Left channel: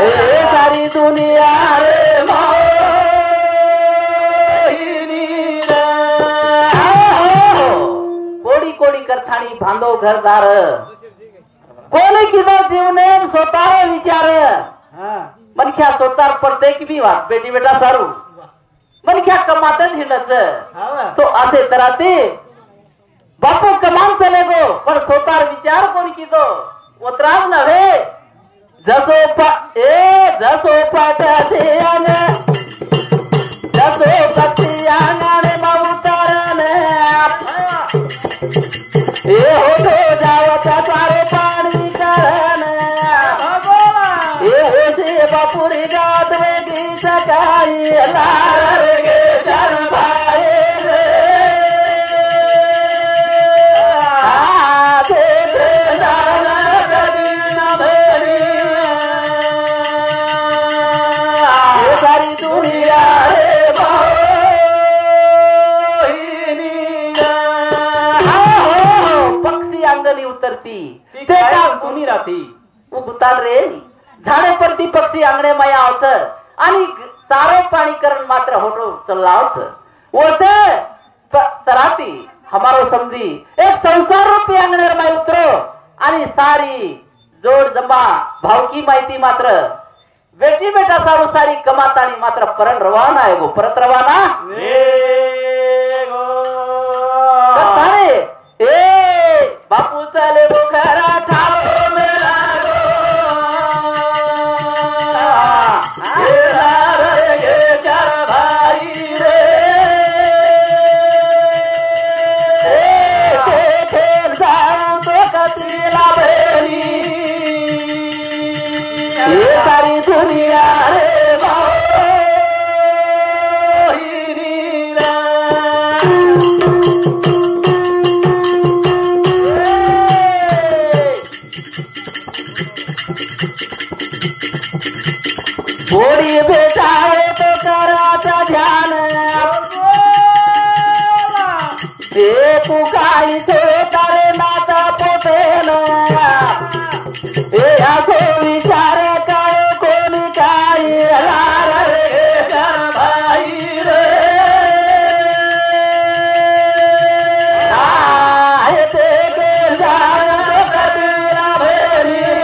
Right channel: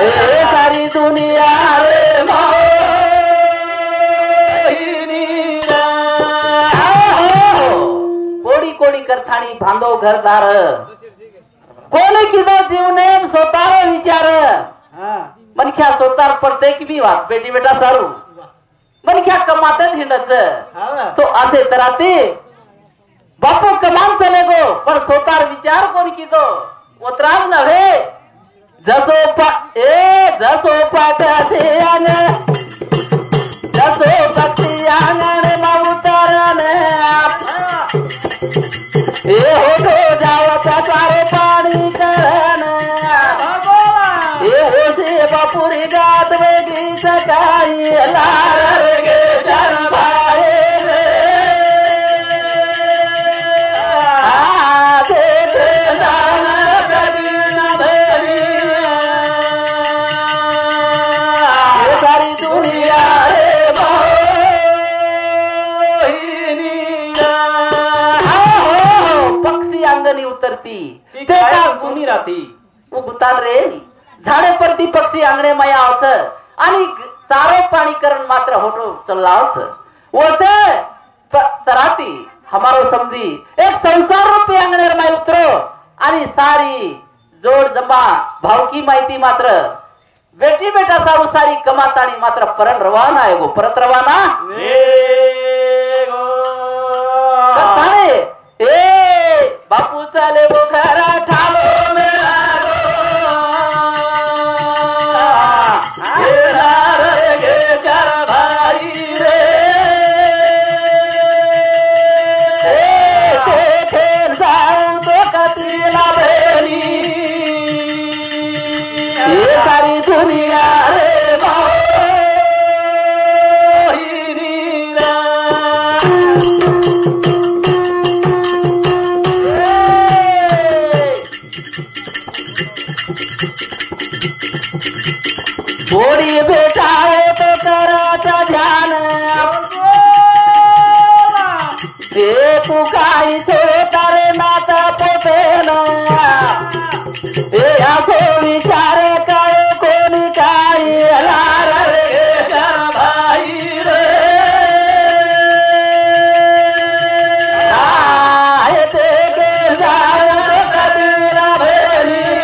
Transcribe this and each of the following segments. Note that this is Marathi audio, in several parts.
हे सारी दुनिया रे कोडी कोडी करथाणी बांधो घरदार कोणी किदो जीवने स्वतः विचार मनख्या स्वतः पडते की बी वाट बेटी बेटा सारू मनख्या कमातच हिंडच तो असे तराते बापू कमान चले गो पण स्वतः विचार कोणी किदो उतराव नव्हे जसो जसो पाठाचे आने जसो पक्षी आने नवतारने हे हो जाओ पचारे पाणी करने हे हो से बापुरी जात रे गीत गाई लार गे जन भाई झाडे परती पक्षी अंगणे माया आवच आणि चारो पाणी करण मात्र होटो चलावच वसे तराती हमारो समझी एक संसार रूपी अंगणे माय उतरो आणि सारी जोड जमा भावकी माहिती मात्र बेटी बेटा सारू सारी कमातानी मात्र परत रवाना आहे गो परत रवाना ए बापू चाले वो घरा ठालो मेरा बोरी बेटा है तो कराता ध्यान ये तू काही छोड़े तारे नाता पोते ना ये आखो विचार कायो कोणी काही लार रे भाई रे आए ते के जान कबीरा भेली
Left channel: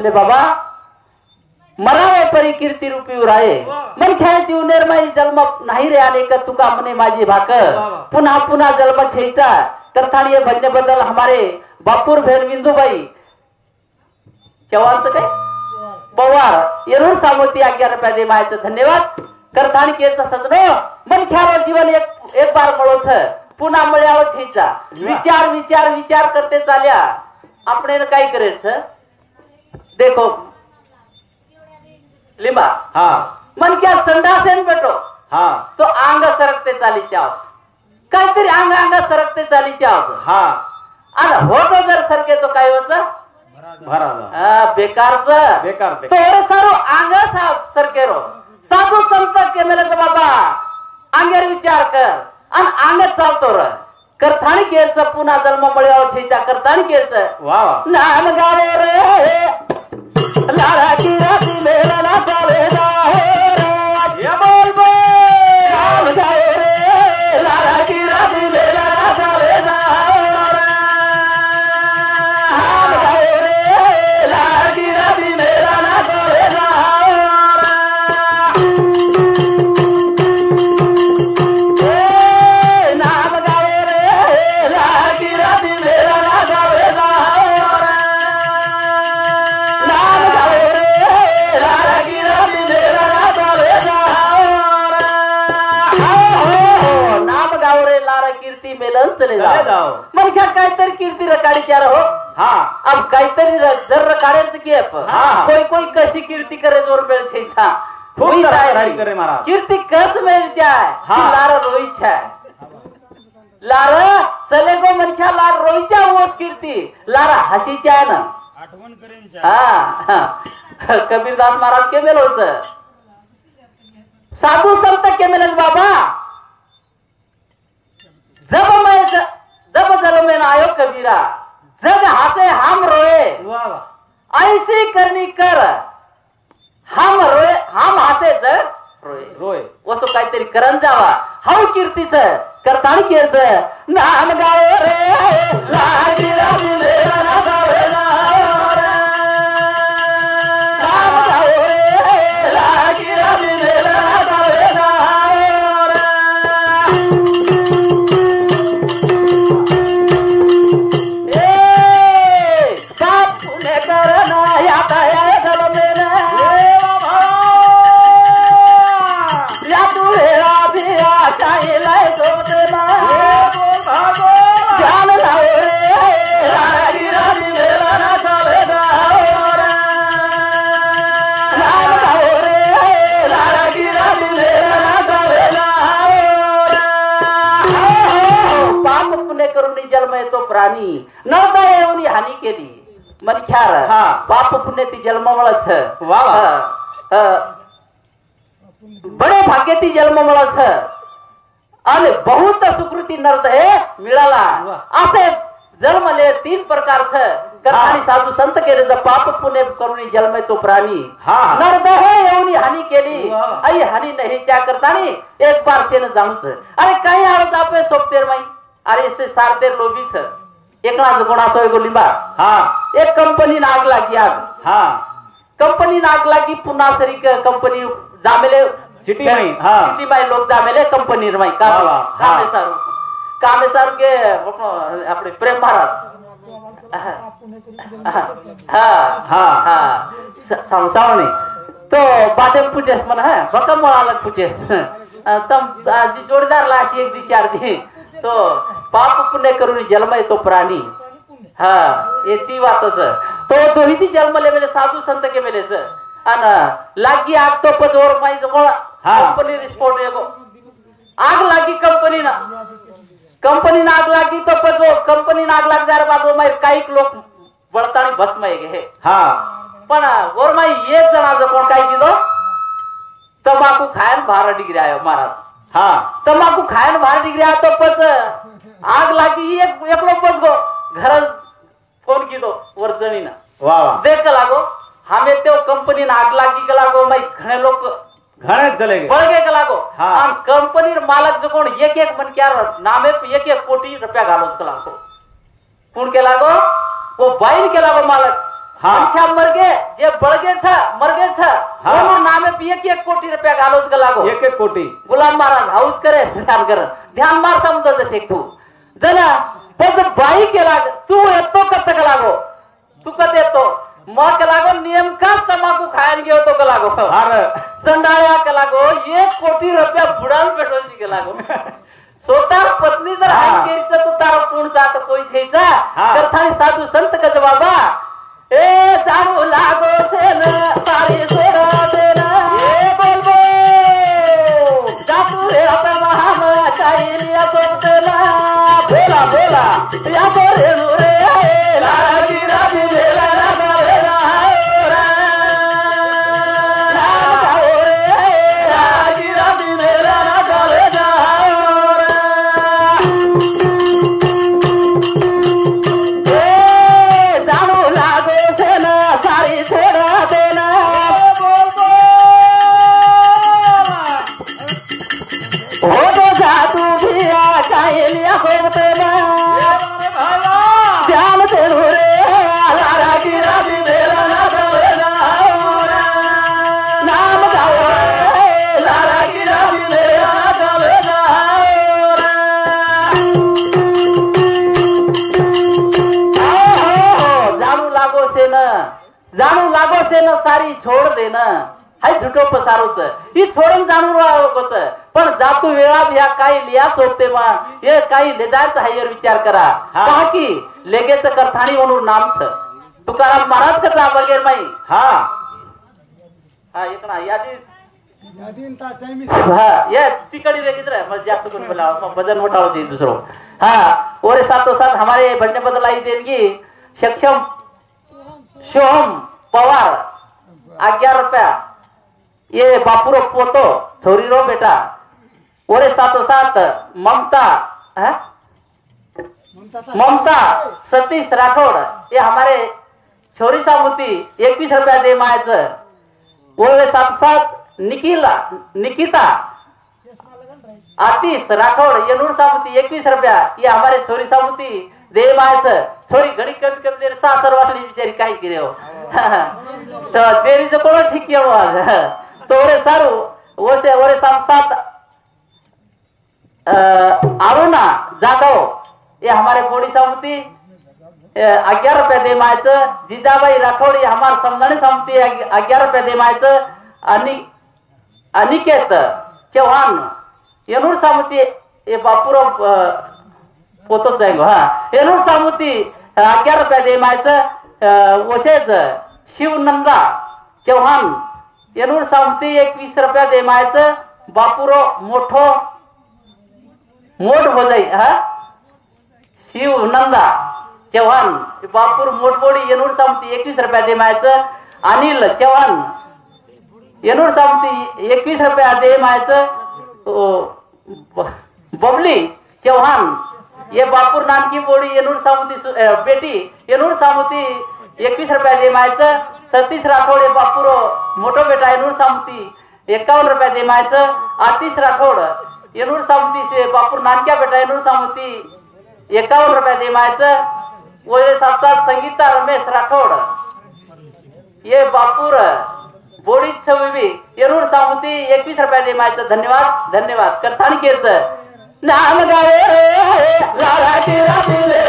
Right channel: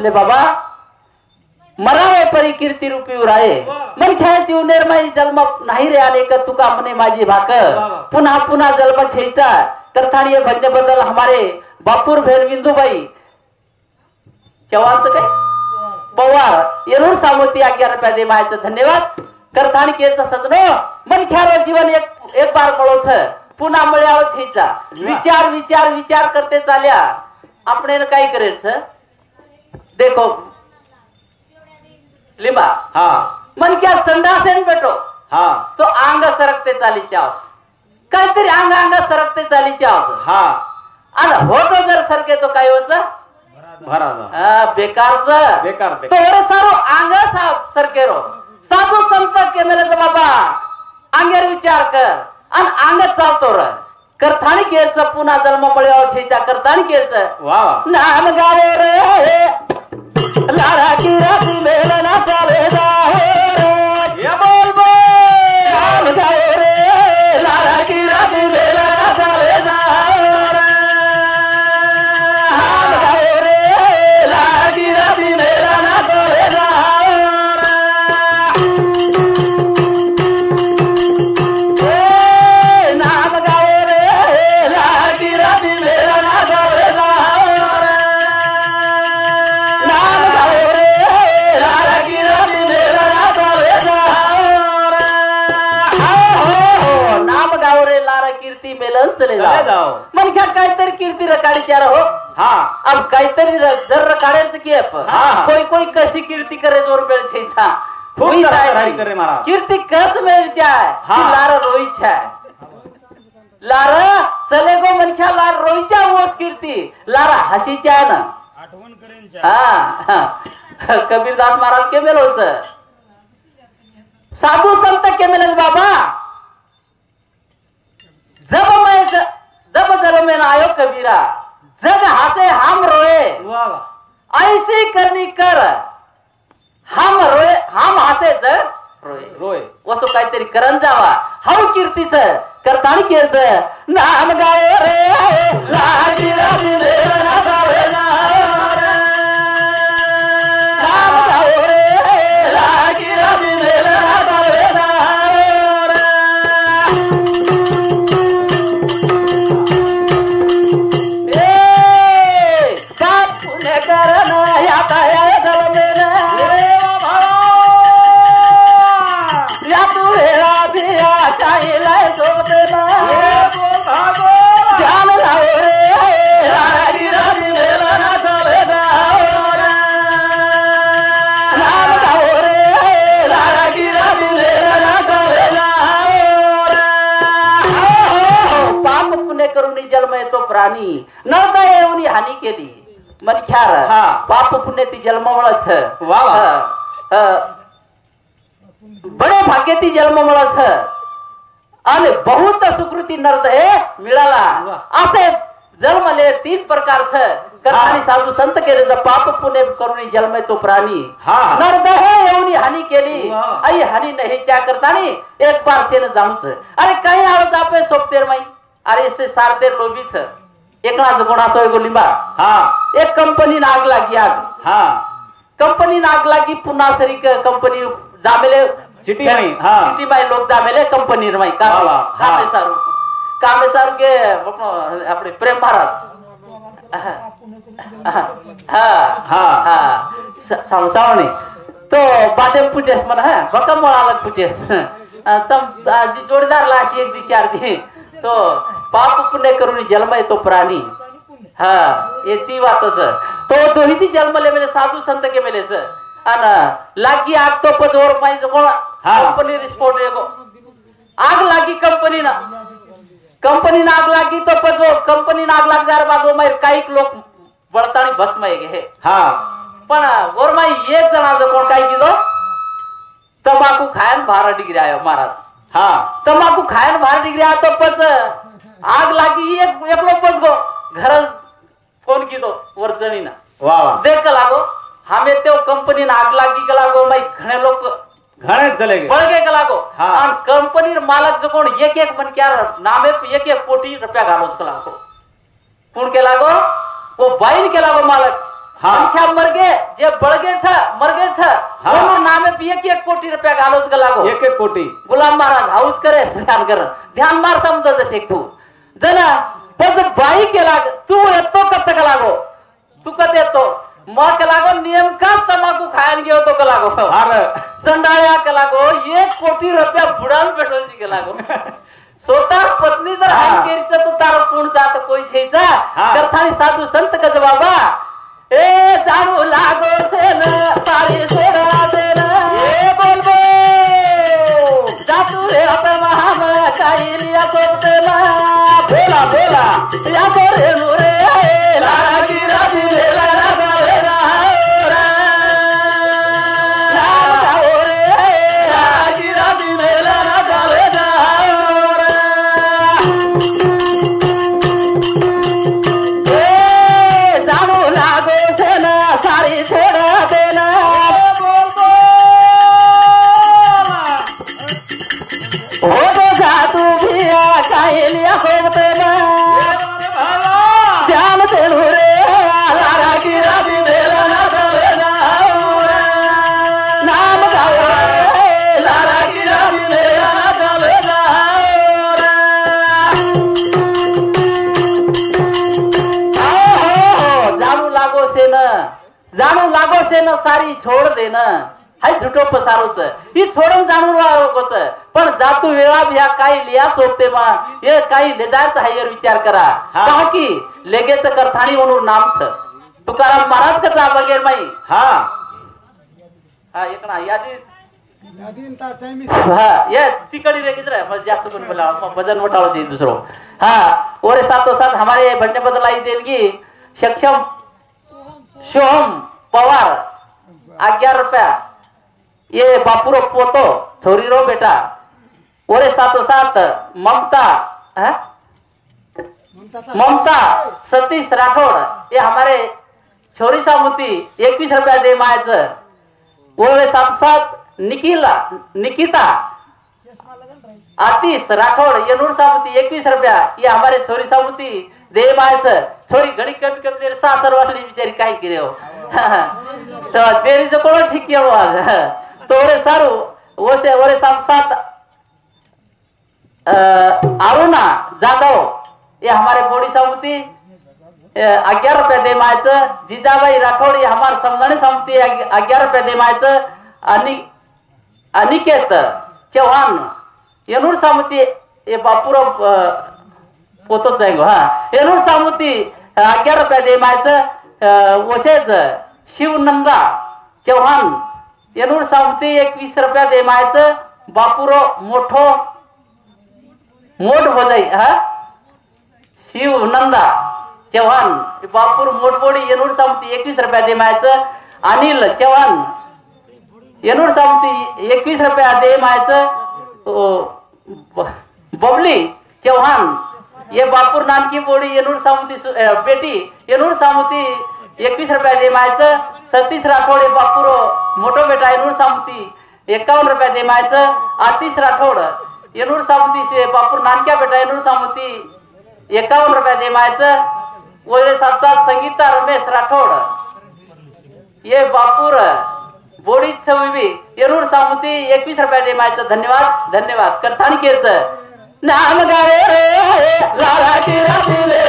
के बाबा मरावे परी कीर्ती रूपी उराये मन ख्याची उनेरमाई जन्म नाही रे आने का तुका मने माझी भाक पुन्हा पुन्हा जन्म छेचा करतानी ये भजने बदल हमारे बापूर बहन विंदुबाई चव्हाणचं काय पवार येऊन सामोती 11 रुपया दे मायचं धन्यवाद करतानी केचं सजनो मन ख्याला जीवन एक बार मळोच पुन्हा मळ्यावर छेचा विचार विचार विचार करते चाल्या आपण काय करायचं देखो लिंबा मन क्या संडासेन बेटो तो अंग सरकते चालीच्या काहीतरी अंग सरकते चालीच्या आणि होतो जर सरके तो काय होत बेकार तोरे सारो आंगा साफ सरकेरो साधू संत के मेले तो बाबा आंगेर विचार कर आणि आंगत चालतो र करतानी केलचं पुन्हा जन्म मिळाव छेचा करतानी केलचं वाह नाम गावे रे लारा की राती मेला ना चाले रे ये बोल बोल नाम गावे रे लारा की राती मेला ना चाले मग क्या काहीतरी कीर्ती रकाडीची रहो अब काहीतरी जर रकाड्याचं की कोई कोई कशी कीर्ती करे जोर बेळ छेचा कीर्ती कस मेलच्या लार रोईच्या लार चले गो मनख्या लार रोईच्या मोस कीर्ती लार हसीच्या आहे ना आठवण करेन हा कबीरदास महाराज के मेलोच साधू संत के मेलच बाबा जब जन्म में आयो कबीरा जग हंसे हम रोए ऐसी करनी कर हम रोए हम हंसे जग रोए वसो काहीतरी करण जावा हाव कीर्तीच करतानी केलच नाम गाय रे लागी राजी मेरा ना गावे नाम गाय रे लागी राजी मेरा ना गावे नव्हता येऊन हानी केली मनख्यार पाप पुण्य ती जन्मवळच बरे भाग्य ती जन्मवळच आणि बहुत सुकृती नर्द हे मिळाला असे जन्मले 3 प्रकारचं करतानी साधू संत केले पाप पुण्य करून जन्म तो प्राणी नर्द हे येऊन हानी केली आई हानी नाही त्या करतानी एक बार सेन जाऊच आणि काही आळत आपले सोपतेर माई अरे से सारते लोभीच एकनाच कोणासोय गोलिंबा एक कंपनी नाग लागी आग कंपनी नाग लागी पुन्हा सरी कंपनी जामेले सिटी में लोग जामेले कंपनी रमाई कामे सारू के अपने प्रेम भारत सावणी तो बादे पूछेस मन है बकम अलग पूछेस तम जी जोड़ीदार लाशी एक दी 4 दी तो पाप पुण्य करून जन्म येतो प्राणी ये ती वातच तो दोही ती जन्मले मेले साधू संत के मेलेच आणि लागी आग तो पजवर माई जवळ कंपनी रिस्पोर्ट येतो आग लागी कंपनी ना आग लागी तो पजो कंपनी ना आग लाग जार बाबो माई काही लोक बळतानी भस्म आहे पण वर माई एक जणाचं कोण काय केलो तंबाखू खायन 12 डिग्री आयो महाराज तंबाखू खायन 12 डिग्री आता पच आग लागी एक लोक पच गो घर फोन कीधो वर जमीन देख लागो हमें तो कंपनी ना आग लागी के लागो माई घणे लोक घणे चले गए बळगे के लागो आणि कंपनी मालक जो कोण एक मन क्या नामे 1 कोटी रुपया घालोच के लागो कोण के लागो वो बाइन के लागो मालक क्या मरगे जे बळगे छ मरगे छ वो नामे 1 कोटी रुपया घालोच के लागो 1 कोटी गुलाम महाराज हाउस करे स्नान कर ध्यान मार समजो जसे तू जना तब बाई के लाग तू येतो कत के लागो तू कत येतो मग के लागो नियम का तंबाखू खायन गयो तो के लागो संडाया के लागो 1 कोटी रुपया बुडान पेटोची के लागो स्वतः पत्नी जर हाय केरीच तो तार पूर्ण जात कोई छेचा कथानी साधू संत का बाबा ए जागो लागो से न सारे सोरा देना ए बोलबो जातू रे अपना हम काही लिया बोलना बोला बोला या बोले मोरे लागी राजी मेला छोड दे ना हाय झुटो पसारोच ही छोडून जाणून राहोच पण जातू वेळा ह्या काही लिया सोपते मा हे काही लेजायचं हायर विचार करा का की लेगेच करथाणी म्हणून नामच तुकाराम महाराज कथा वगैरे माई हा एक ना ये तिकड़ी लेकिन जास्त कोण बोला वजन मोठा हो दूसरो और साथों साथ हमारे बढ़ने बदलाई देंगी सक्षम सोहम पवार 11 रुपया ये बापुरो पोतो छोरीरो बेटा और साथों साथ ममता सतीश राठौड़ ये हमारे छोरी सामुती 21 रुपया दे मायच और साथ साथ निकिता आतिश राठौड़ येनूर सामुती 21 रुपया ये हमारे छोरी सामुती दे मायच छोरी घड़ी कट कर देर सासर वासली बिचारी काय करे हो तो तेरी जो कोण ठीक केलो आज तो रे सारू ओसे ओरे साथ साथ अरुणा जाधव ये हमारे बोड़ी सामुती 11 रुपया दे मायच जीजाबाई राठौड़ ये हमारे समझने सामुती 11 रुपया दे मायच अनिकेत चौहान येनूर सामुती ये बापुरो पोतो जाएंगो येनूर सामुती 11 रुपया दे मायच वसेच शिवनंदा चौहान येनूर सामुती 21 रुपया दे मायच बापुरो मोठो मोठ भजाई शिवनंदा चौहान बापूर मोठबोडी येनूर सामुती 21 रुपया दे मायच अनिल चौहान येनूर सामुती 21 रुपया दे मायच बबली चौहान ये बापुर नानकी बोड़ी येनूर सामुती बेटी येनूर सामुती 21 रुपया दे मायच सतीश राठौड़ बापुरो मोटो बेटा येनूर सामुती 51 रुपया दे मायच आतिश राठौड़ येनूर सामुती से बापुर नानक्या बेटा येनूर सामुती 51 रुपया दे मायच वो साथ साथ संगीता रमेश राठौड़ ये बापुर बोड़ी छवी येनूर सामुती 21 रुपया दे मायच धन्यवाद धन्यवाद करतानी केच नाम गावे लाला की रसुले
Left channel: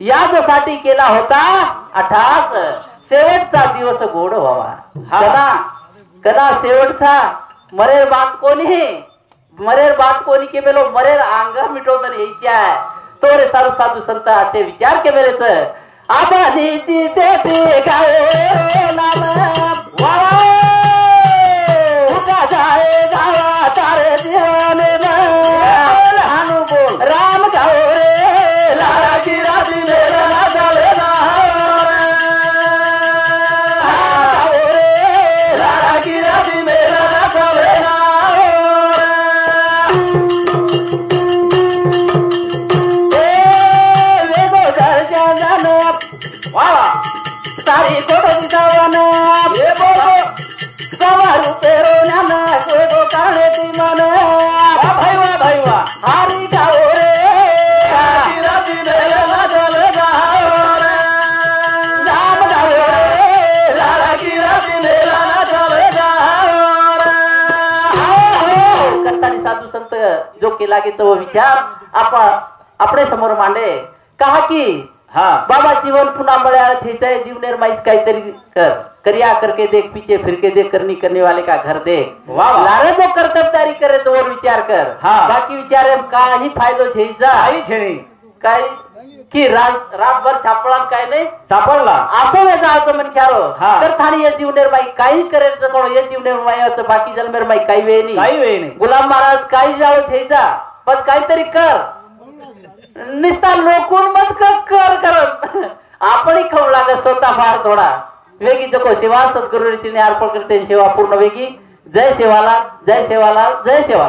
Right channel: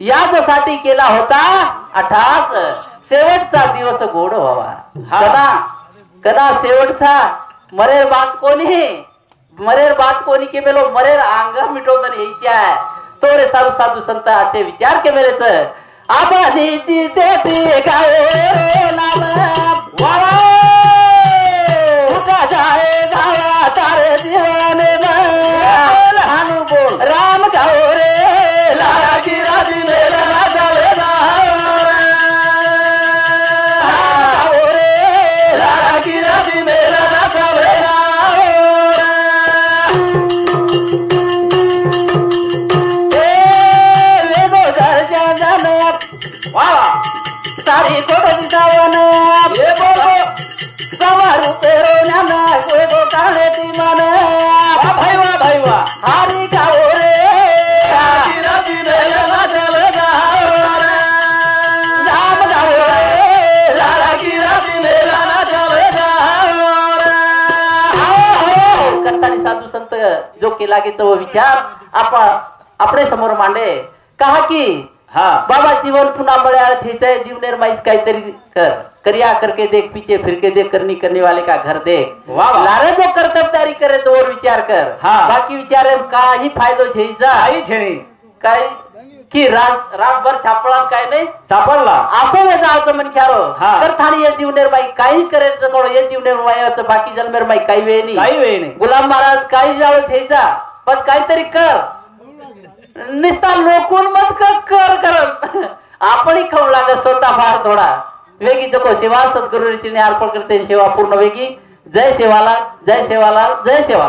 यासाठी केला होता अठास शेवटचा दिवस गोड व्हावा कदा कदा शेवटचा मरेर बात कोणी के मेलो मरेर अंग मिटवता यायची आहे तो रे साधू साधू संतांचे विचार के मेरेच आबाजीची तेती गावे नाम जो केला की तो विचार अपने समोर मांडे कहा की बाबा जीवन पुन्हा बड़ा छेचे जीवनेर माइस काहीतरी करिया करके देख पीछे फिर के देख करने वाले का घर देख लारे जो कर्तव्यदारी करे तो और विचार कर बाकी विचारे काही फायदो छेचा आई छेनी काय की रातभर छापला काय नाही सापडला असं हे जायचं म्हण ख्यारो हा. तर थानी या जीवनेर बाई काही करायचं म्हणून या जीवनेर मायाचं बाकी जन्मेर बाई काही वेळ नाही काही वेळ नाही गुलाम महाराज काही जावं घ्यायचा पण काहीतरी कर निस्ता लोकून मत कर कर आपण खाऊ लागत स्वतः फार थोडा वेगी जको सेवा सद्गुरूची अर्पण करते सेवा पूर्ण वेगी जय सेवाला जय सेवाला जय सेवा